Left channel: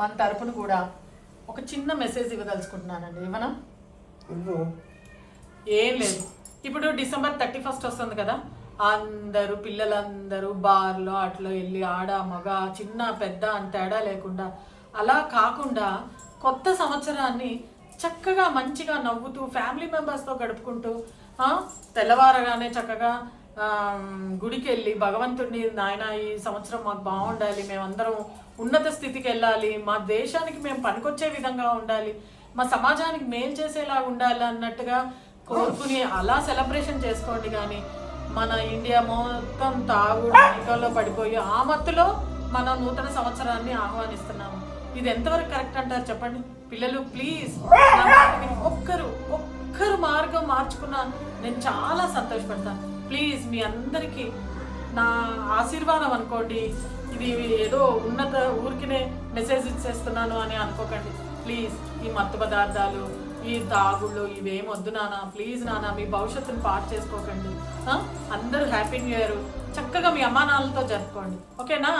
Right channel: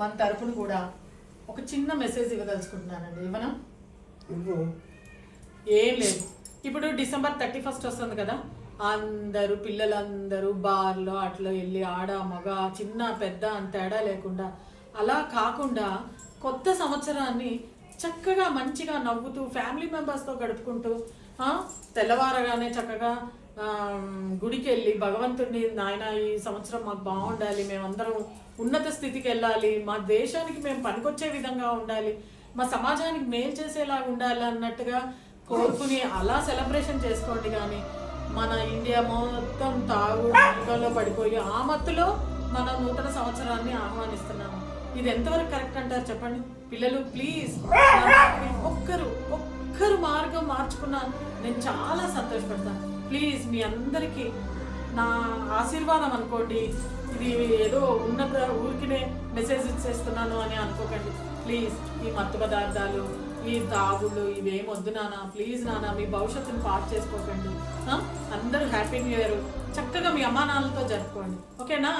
మన తరపున కూడా ఒక చిన్న మెసేజ్ ఇవ్వదలుచుకుంటున్నానండి. ఏమన్నా ఏం లేదు, ఇప్పుడు December 31 వస్తుంది కదా, అందరూ పిల్లలందరూ బార్లో అట్లా వెళ్ళి ఆడ మగ చిన్న పెద్ద అని తేడా లేకుండా అలా కాకుండా కొత్త సంవత్సరాన్ని చక్కగా మంచిగా నవ్వుతూ ఫ్యామిలీ మెంబర్స్తో గడుపుకుంటూ తెల్లవారగానే చక్కగా గుడికి వెళ్ళి భగవంతుడిని, నాయన ఈ సంవత్సరం మాకు బాగుండాలి, మేమందరం ఉన్నత స్థితికి వెళ్ళాలి, మా దేశానికి మేము పనికొచ్చే విధంగా ఉండాలి, మా సమాజానికి మేలు చేసేలాగా ఉండాలి అన్నట్టుగా కోరుకుని అలా సెలబ్రేషన్ చేసుకోండి. కానీ మన ఇండియా మొత్తం తాగుడులో పడిపోయి ఆ మత్తులో మన నూతన సంవత్సరాన్ని ఆహ్వానిస్తున్నాము. ఇది ఎంతవరకు కరెక్ట్ అంటారు చెప్పండి? పిల్లలు ప్లీజ్ ఒక్కరు మార్గం మార్చుకున్నా నేను చాలా సంతోషపడతాను. ప్లీజ్ మీ అందరికీ నా ఆశీర్వాదం అనుకోండి. ఇది ఏదో ఉన్నత ఊరికినే మెసేజ్ ఇచ్చేస్తున్నాను అని అనుకోకండి. ప్లీజ్ ఈ మత్తు పదార్థాలు, ఈ తాగుళ్ళు ఇవేం వద్దు నాన్న, ప్లీజ్ నాన్న, మీ భవిష్యత్తును పాటు చేసుకోకండి. అందరూ హ్యాపీ న్యూ ఇయర్ చక్కగా మీ అమ్మానాన్నలతో జరుపుకోండి. ఓకేనా?